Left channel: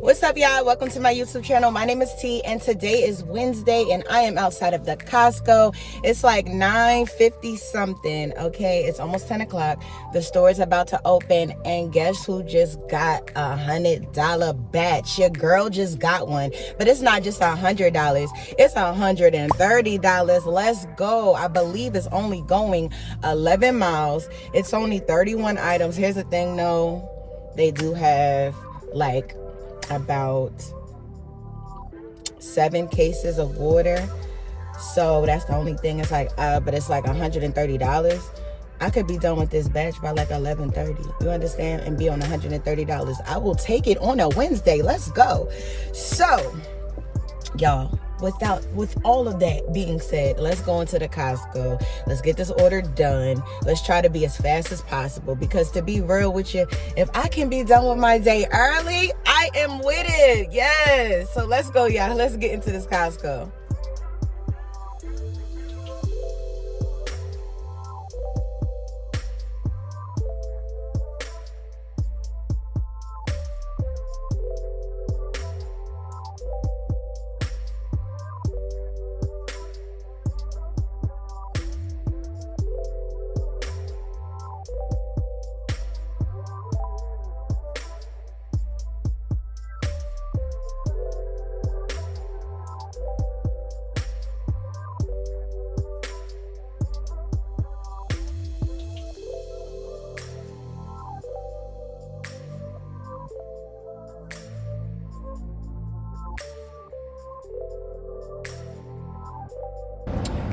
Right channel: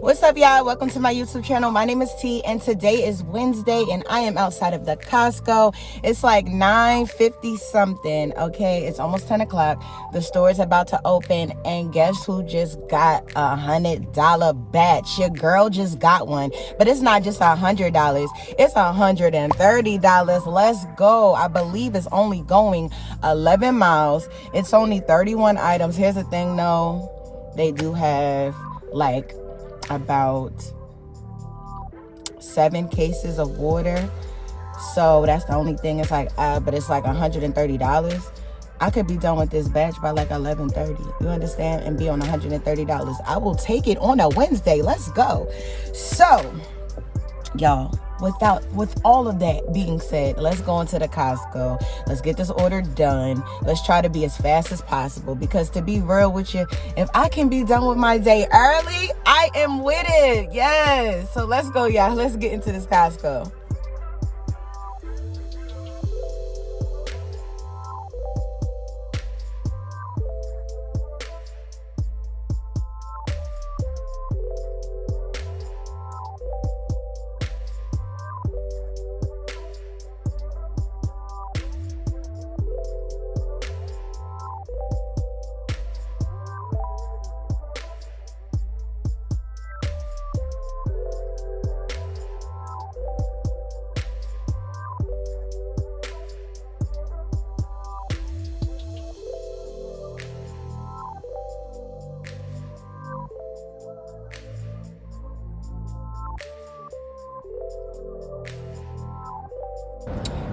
What's up, y'all? Welcome to my YouTube channel. My name is T, and today is Wednesday, and I am outside of the Costco. It's like 9:50 something, okay? It's almost 10 o'clock. The store is about to open, and guess who just got a $100 batch? Your girl just got one, but it's not just $100. It's $130. Let's go. I believe it's only going 11 miles. It's only 31 items. Here's the thing, though. They do have, like, about 7 cases of water, so that's the only thing. It's like but it's like $130. I could be done with this batch by like 11:30, you understand, and be on $130. I will take it on a Wednesday. Let's go. So y'all, with all of that being said, let's go into the Costco. Let's get this order done. Let's try to be as fast as possible, because to be real with you, if I can be done with my day early, I am with it. Yes. So let's go, y'all. Let's get into this Costco.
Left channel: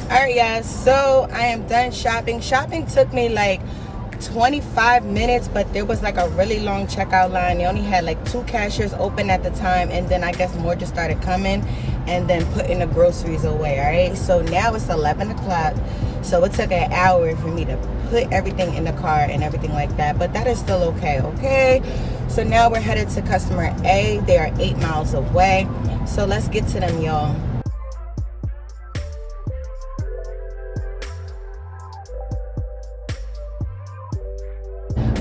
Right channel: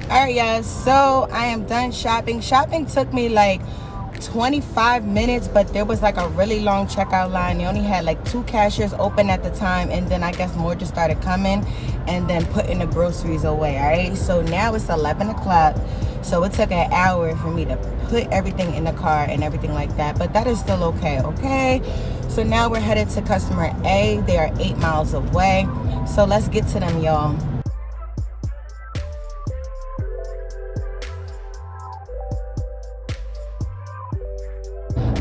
All right, y'all, so I am done shopping. Shopping took me like 25 minutes, but there was like a really long checkout line. They only had like 2 cashiers open at the time, and then I guess more just started coming and then putting the groceries away. All right, so now it's 11 o'clock, so it took an hour for me to put everything in the car and everything like that, but that is still okay. So now we're headed to customer A. They are 8 miles away, so let's get to them, y'all.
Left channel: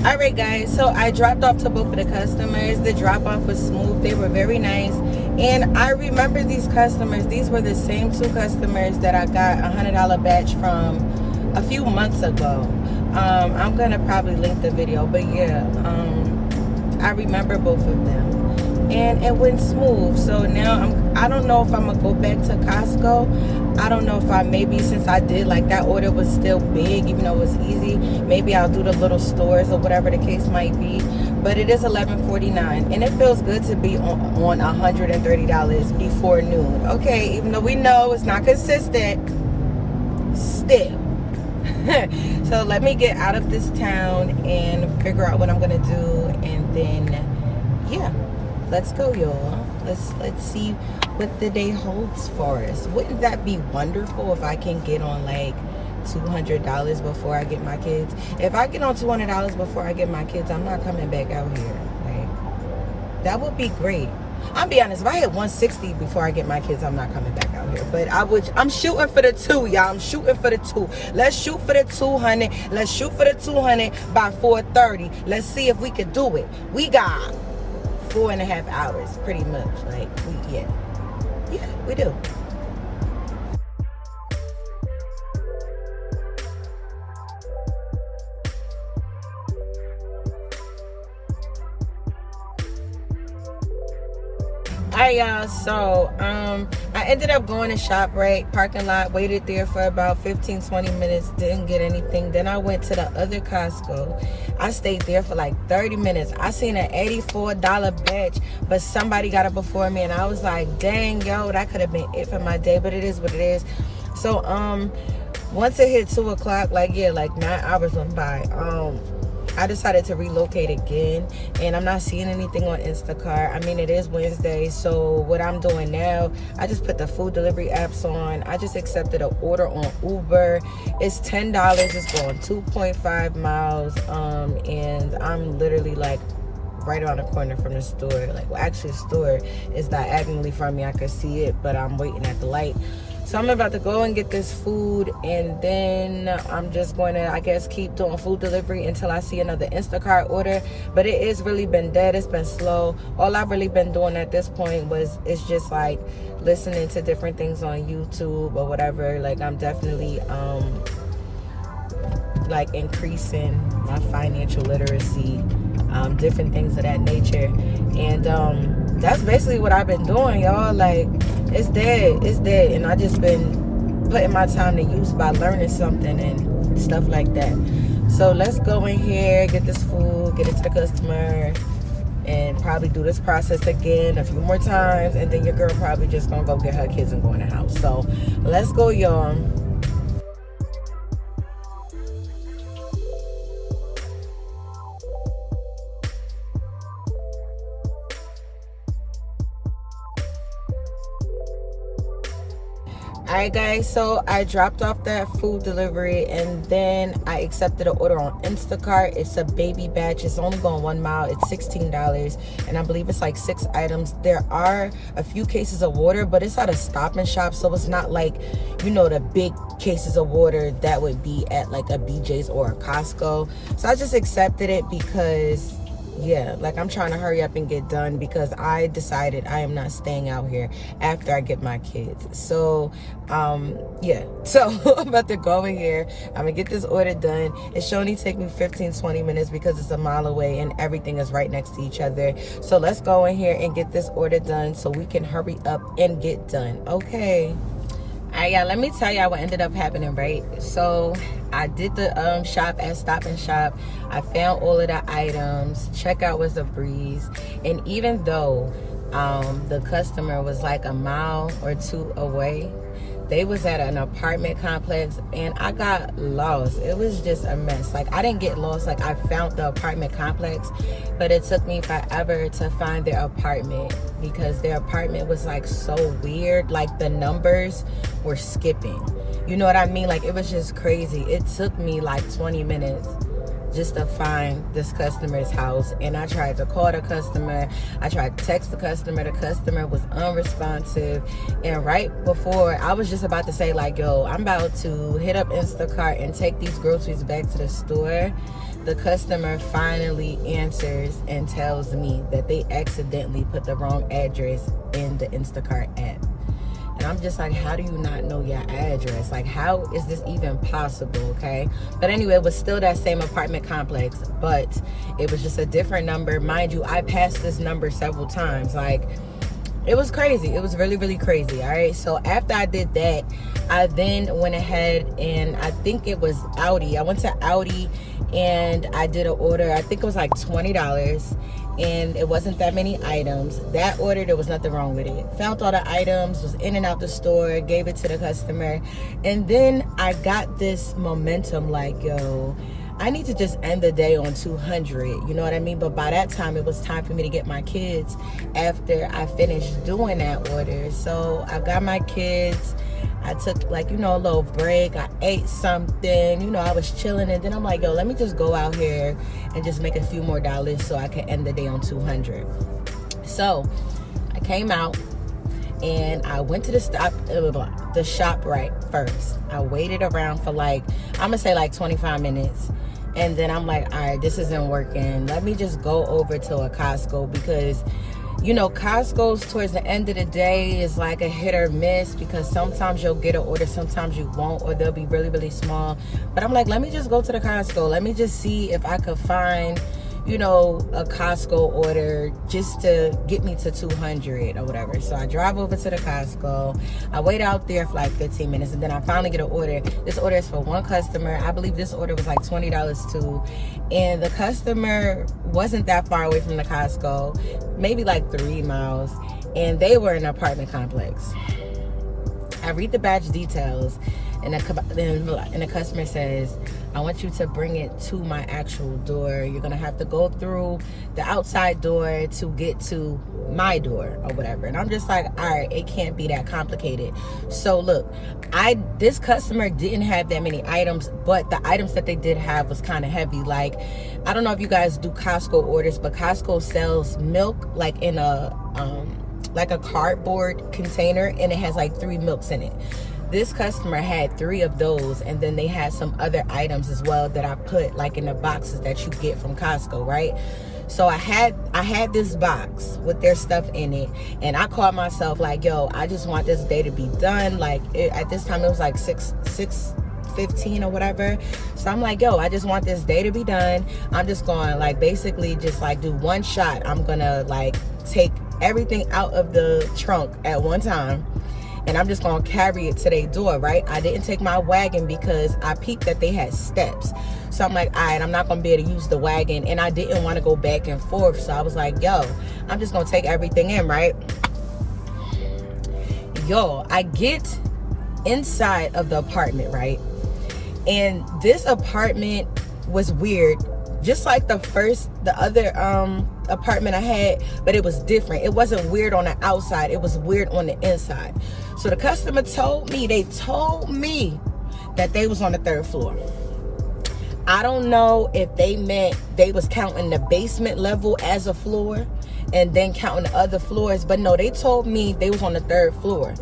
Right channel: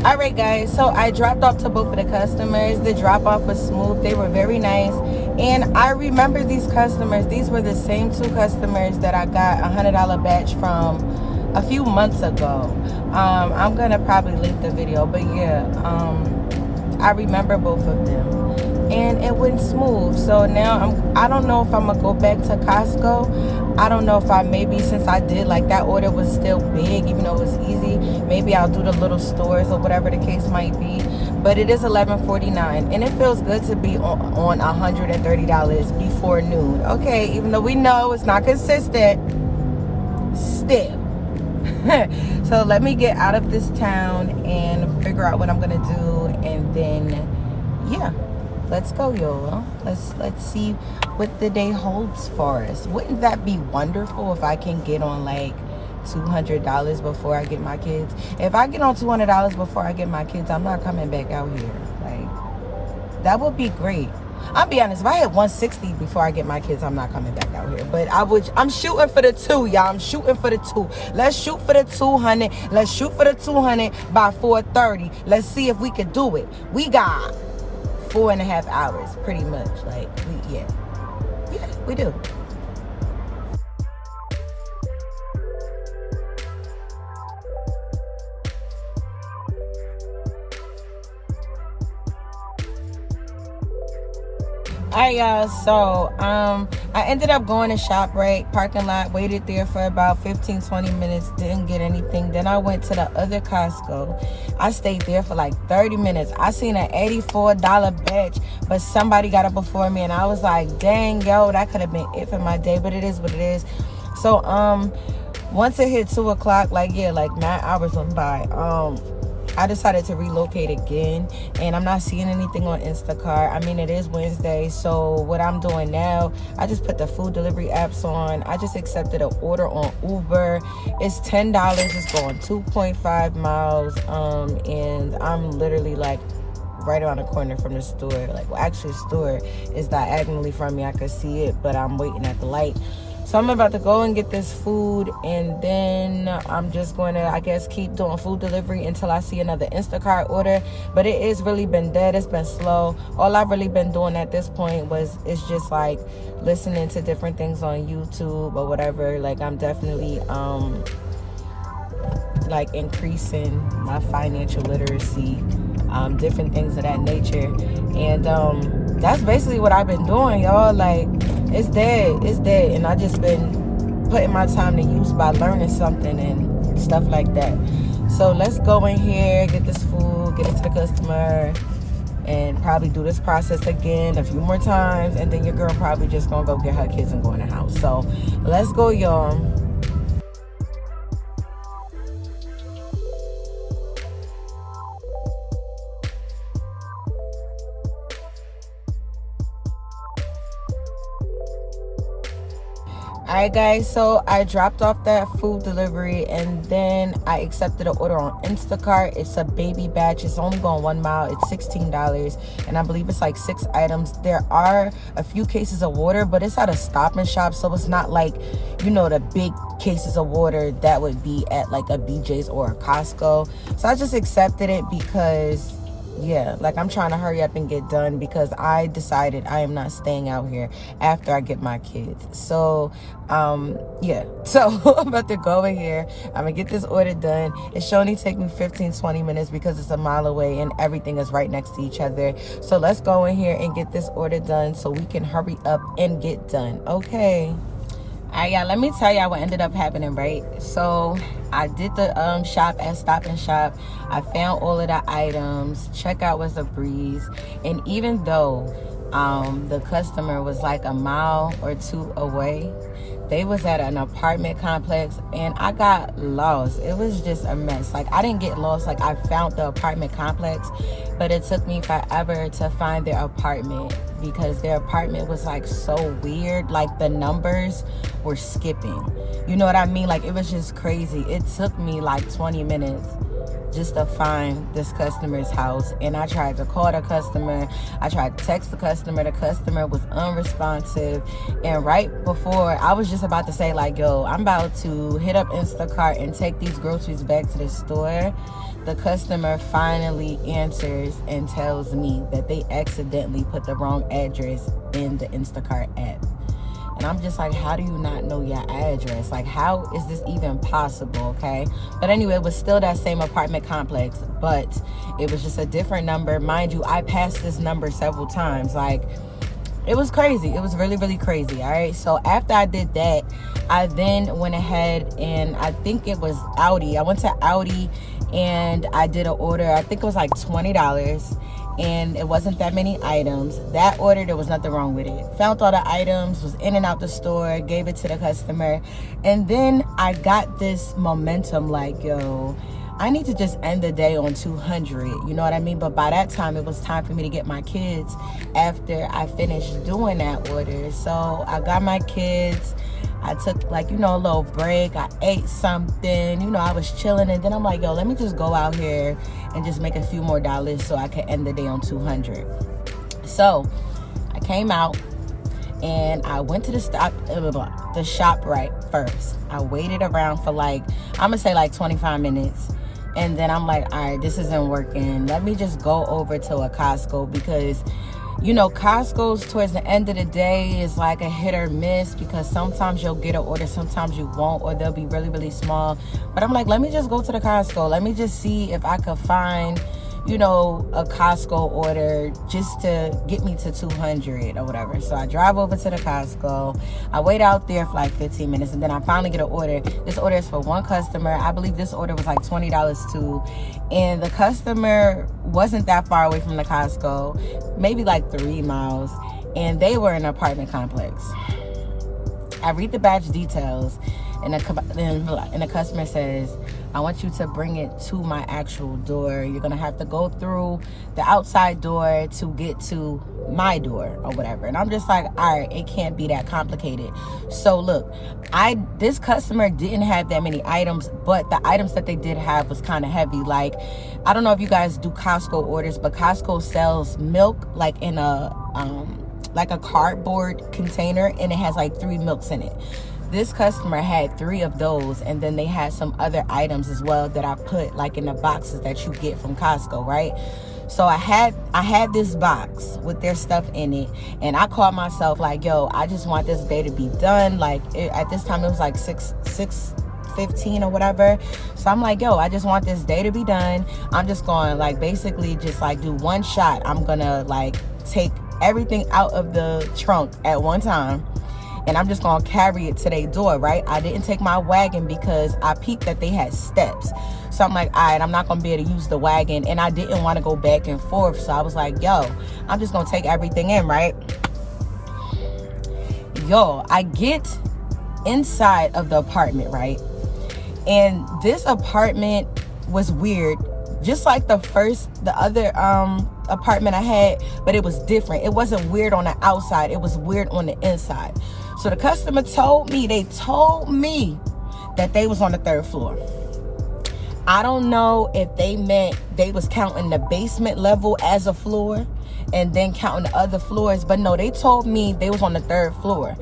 All right, guys, so I dropped off to both of the customers. The drop off was smooth. They were very nice, and I remember these customers. These were the same 2 customers that I got a $100 batch from a few months ago. I'm gonna probably link the video, but yeah, I remember both of them, and it went smooth. So now I don't know if I'm gonna go back to Costco. I don't know if maybe since I did, like, that order was still big, even though it was easy, maybe I'll do the little stores or whatever the case might be. But it is 11:49, and it feels good to be on $130 before noon. Okay, even though we know it's not consistent, still. So let me get out of this town and figure out what I'm gonna do, and then yeah, let's go, y'all. Let's see what the day holds for us. Wouldn't that be wonderful if I can get on like $200 before I get my kids? If I get on $200 before I get my kids, I'm not coming back out here. Like, that would be great. I'll be honest, if I had 160 before I get my kids, I'm not coming back out here. But I'm shooting for the 2, y'all. I'm shooting for the 2. Let's shoot for the 200. Let's shoot for the 200 by 4:30. Let's see if we could do it. We got 4.5 hours, pretty much. Like, yeah, we do. All right, y'all, so I ended up going to ShopRite parking lot, waited there for about 15-20 minutes, didn't get anything. Then I went to the other Costco. I stayed there for like 30 minutes. I seen an $84 batch, but somebody got it before me, and I was like, dang, yo, that could have been it for my day, but it is what it is. So once it hit 2 o'clock, like 9 hours went by. I decided to relocate again, and I'm not seeing anything on Instacart. I mean, it is Wednesday, so what I'm doing now, I just put the food delivery apps on. I just accepted an order on Uber. It's $10. It's going 2.5 miles, and I'm literally like right around the corner from the store. Like, well, actually, the store is diagonally from me. I could see it, but I'm waiting at the light. So I'm about to go and get this food, and then I'm just going to, I guess, keep doing food delivery until I see another Instacart order. But it has really been dead. It's been slow. All I've really been doing at this point is just like listening to different things on YouTube or whatever. Like, I'm definitely like increasing my financial literacy, different things of that nature. And that's basically what I've been doing, y'all. Like, it's dead, and I just been putting my time to use by learning something and stuff like that. So let's go in here, get this food, get it to the customer, and probably do this process again a few more times, and then your girl probably just gonna go get her kids and go in the house. So let's go, y'all. Alright guys, so I dropped off that food delivery, and then I accepted an order on Instacart. It's a baby batch. It's only going 1 mile. It's $16, and I believe it's like 6 items. There are a few cases of water, but it's at a Stop and Shop, so it's not like, you know, the big cases of water that would be at like a BJ's or a Costco. So I just accepted it because, yeah, like, I'm trying to hurry up and get done because I decided I am not staying out here after I get my kids. So yeah, so I'm about to go over here. I'm gonna get this order done. It should only take me 15-20 minutes because it's a mile away and everything is right next to each other. So let's go in here and get this order done so we can hurry up and get done. Okay. All right, y'all, let me tell y'all what ended up happening, right? So I did the shop at Stop and Shop. I found all of the items. Checkout was a breeze. And even though the customer was like a mile or 2 away, they was at an apartment complex, and I got lost. It was just a mess. Like, I didn't get lost. Like, I found the apartment complex, but it took me forever to find their apartment because their apartment was like so weird. Like, the numbers were skipping. You know what I mean? Like, it was just crazy. It took me like 20 minutes just to find this customer's house. And I tried to call the customer. I tried to text the customer. The customer was unresponsive. And right before, I was just about to say, like, yo, I'm about to hit up Instacart and take these groceries back to the store, the customer finally answers and tells me that they accidentally put the wrong address in the Instacart app. And I'm just like, how do you not know your address? Like, how is this even possible? Okay. But anyway, it was still that same apartment complex, but it was just a different number. Mind you, I passed this number several times. Like, it was crazy. It was really, really crazy. All right. So after I did that, I then went ahead and I think it was Audi. I went to Audi and I did an order. I think it was like $20. And it wasn't that many items. That order, there was nothing wrong with it. Found all the items, was in and out the store, gave it to the customer. And then I got this momentum like, yo, I need to just end the day on 200. You know what I mean? But by that time, it was time for me to get my kids after I finished doing that order. So I got my kids. I took, like, you know, a little break. I ate something. You know, I was chilling. And then I'm like, yo, let me just go out here and just make a few more dollars so I can end the day on 200. So I came out and I went to the shop right first. I waited around for like, I'm gonna say like 25 minutes. And then I'm like, all right, this isn't working. Let me just go over to a Costco because, you know, Costco's towards the end of the day is like a hit or miss because sometimes you'll get an order, sometimes you won't, or they'll be really, really small. But I'm like, let me just go to the Costco. Let me just see if I could find, you know, a Costco order just to get me to 200 or whatever. So I drive over to the Costco. I wait out there for like 15 minutes, and then I finally get an order. This order is for one customer. I believe this order was like $20 too. And the customer wasn't that far away from the Costco, maybe like 3 miles. And they were in an apartment complex. I read the batch details, and the customer says, I want you to bring it to my actual door. You're going to have to go through the outside door to get to my door or whatever. And I'm just like, all right, it can't be that complicated. So look, this customer didn't have that many items, but the items that they did have was kind of heavy. Like, I don't know if you guys do Costco orders, but Costco sells milk like in a cardboard container, and it has like 3 milks in it. This customer had 3 of those, and then they had some other items as well that I put like in the boxes that you get from Costco, right? So I had this box with their stuff in it, and I called myself like, yo, I just want this day to be done. Like at this time it was like 6:15 or whatever. So I'm like, yo, I just want this day to be done. I'm just going like basically just like do one shot. I'm gonna like take everything out of the trunk at one time, and I'm just gonna carry it to their door, right? I didn't take my wagon because I peeped that they had steps. So I'm like, all right, I'm not gonna be able to use the wagon, and I didn't want to go back and forth. So I was like, yo, I'm just gonna take everything in, right? Yo, I get inside of the apartment, right? And this apartment was weird, just like the other apartment I had, but it was different. It wasn't weird on the outside, it was weird on the inside. So the customer told me that they was on the 3rd floor. I don't know if they meant they was counting the basement level as a floor and then counting the other floors, but no, they told me they was on the 3rd floor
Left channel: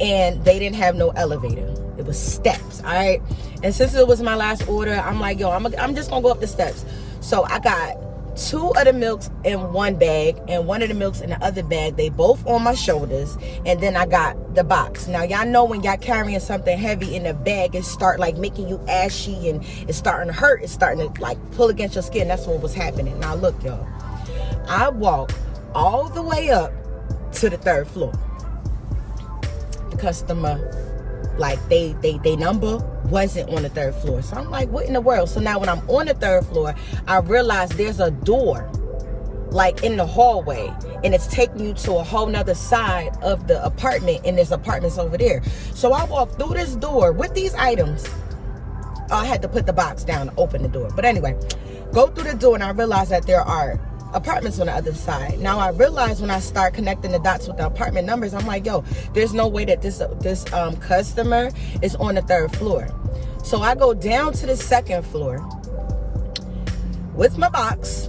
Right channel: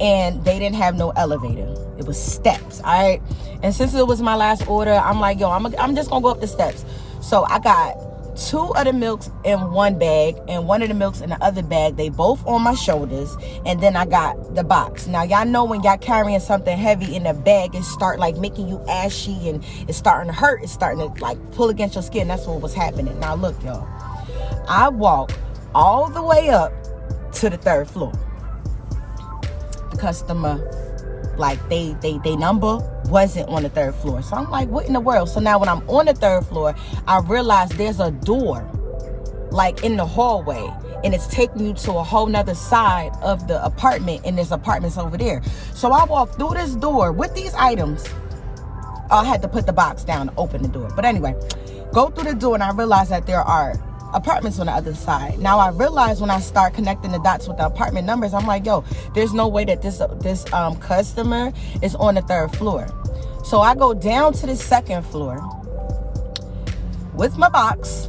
and they didn't have no elevator. It was steps, all right? And since it was my last order, I'm like, yo, I'm just gonna go up the steps. So I got 2 of the milks in one bag and 1 of the milks in the other bag. They both on my shoulders, and then I got the box. Now y'all know when y'all carrying something heavy in the bag, it start like making you ashy and it's starting to hurt. It's starting to like pull against your skin. That's what was happening. Now look, y'all, I walked all the way up to the 3rd floor. The customer, like they number wasn't on the 3rd floor. So I'm like, what in the world? So now when I'm on the 3rd floor, I realize there's a door like in the hallway, and it's taking you to a whole nother side of the apartment, and there's apartments over there. So I walked through this door with these items. I had to put the box down to open the door. But anyway, go through the door, and I realized that there are apartments on the other side. Now I realized when I start connecting the dots with the apartment numbers, I'm like, yo, there's no way that this customer is on the 3rd floor. So I go down to the 2nd floor with my box,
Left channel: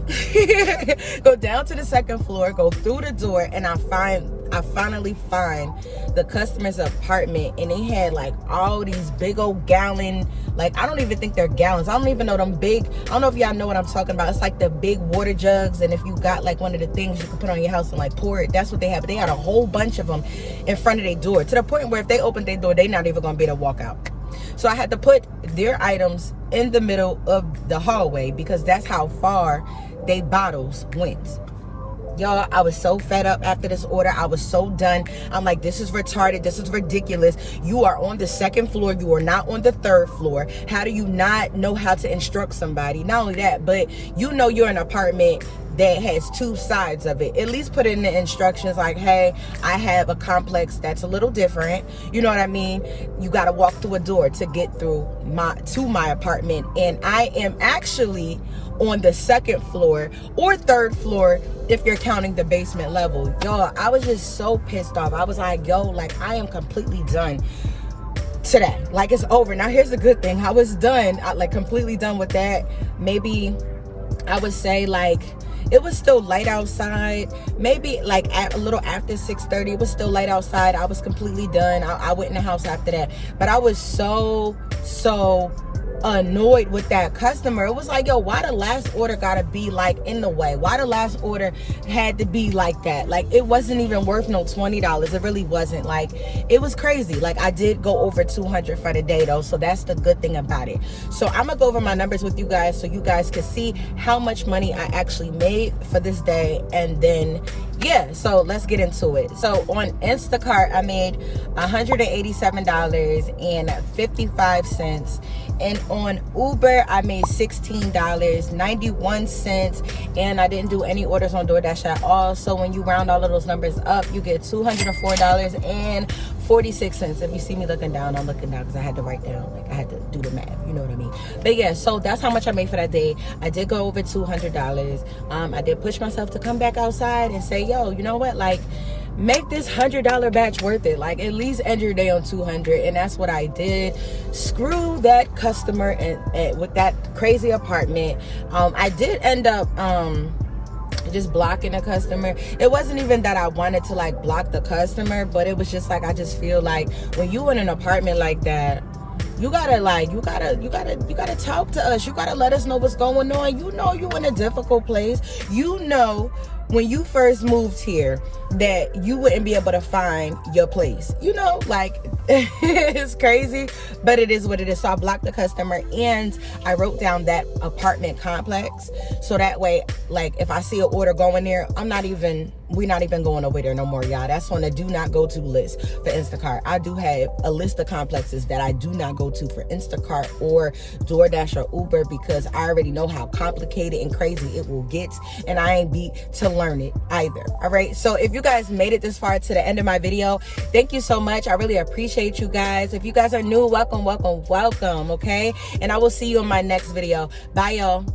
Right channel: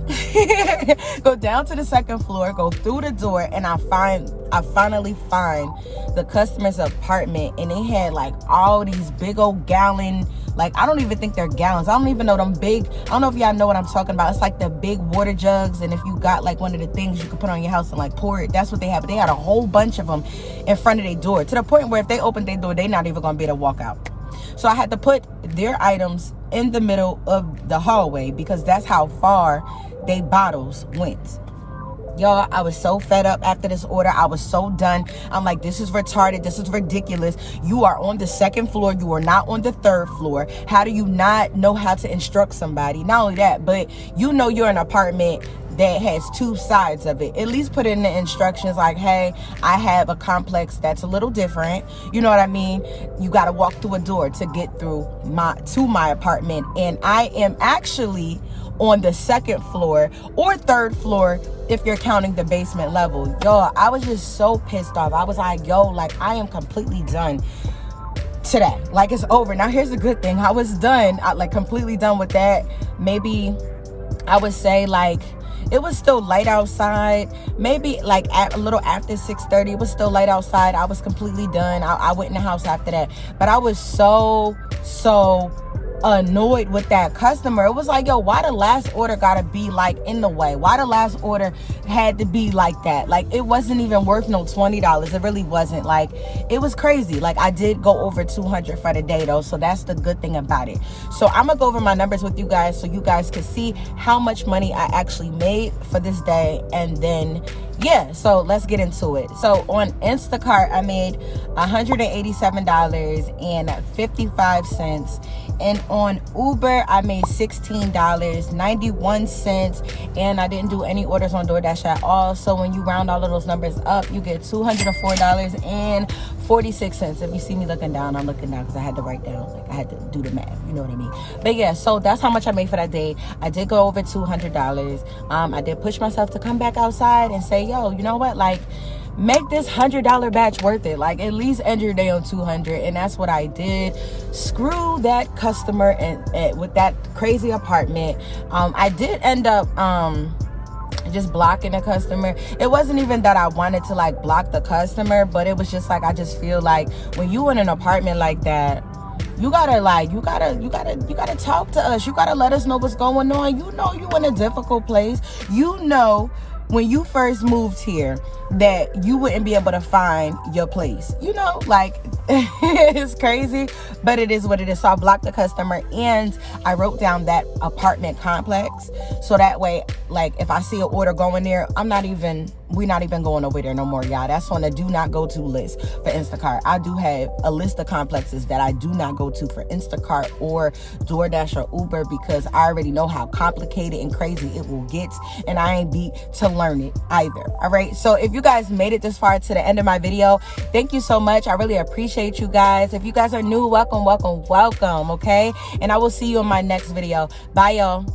go down to the 2nd floor, go through the door, and I finally find the customer's apartment, and they had like all these big old gallon, like I don't even think they're gallons. I don't even know them big. I don't know if y'all know what I'm talking about. It's like the big water jugs, and if you got like one of the things you can put on your house and like pour it, that's what they have. But they had a whole bunch of them in front of their door, to the point where if they open their door, they're not even gonna be able to walk out. So I had to put their items in the middle of the hallway because that's how far they bottles went. Y'all, I was so fed up after this order. I was so done. I'm like, this is retarded. This is ridiculous. You are on the 2nd floor. You are not on the 3rd floor. How do you not know how to instruct somebody? Not only that, but you know you're in an apartment that has 2 sides of it. At least put in the instructions like, hey, I have a complex that's a little different. You know what I mean? You got to walk through a door to get through to my apartment. And I am actually on the 2nd floor or 3rd floor if you're counting the basement level. Y'all, I was just so pissed off. I was like, yo, like I am completely done today. Like it's over. Now here's the good thing. I was done, like completely done with that. Maybe I would say like it was still light outside, maybe like a little after 6:30. It was still light outside. I was completely done. I went in the house after that, but I was so annoyed with that customer. It was like, yo, why the last order gotta be like in the way? Why the last order had to be like that? Like it wasn't even worth no $20. It really wasn't. Like it was crazy. Like I did go over 200 for the day though, so that's the good thing about it. So I'm gonna go over my numbers with you guys so you guys can see how much money I actually made for this day. And then yeah, so let's get into it. So on Instacart, I made $187.55. And on Uber, I made $16.91. And I didn't do any orders on Doordash at all. So when you round all of those numbers up, you get $204.46. If you see me looking down, I'm looking down because I had to write down, like I had to do the math, you know what I mean? But yeah, so that's how much I made for that day. I did go over $200. I did push myself to come back outside and say, yo, you know what, like make this $100 batch worth it. Like at least end your day on 200. And that's what I did. Screw that customer and with that crazy apartment. I did end up just blocking the customer. It wasn't even that I wanted to like block the customer, but it was just like, I just feel like when you in an apartment like that, you gotta talk to us. You gotta let us know what's going on. You know you in a difficult place. You know when you first moved here that you wouldn't be able to find your place. You know, like, it's crazy, but it is what it is. So I blocked the customer and I wrote down that apartment complex. So that way, like, if I see an order going there, we're not even going over there no more, y'all. That's on the do not go to list for Instacart. I do have a list of complexes that I do not go to for Instacart or Doordash or Uber, because I already know how complicated and crazy it will get, and I ain't beat to learn it either. All right, so if you guys made it this far to the end of my video, thank you so much. I really appreciate you guys. If you guys are new, welcome, okay? And I will see you in my next video. Bye, y'all.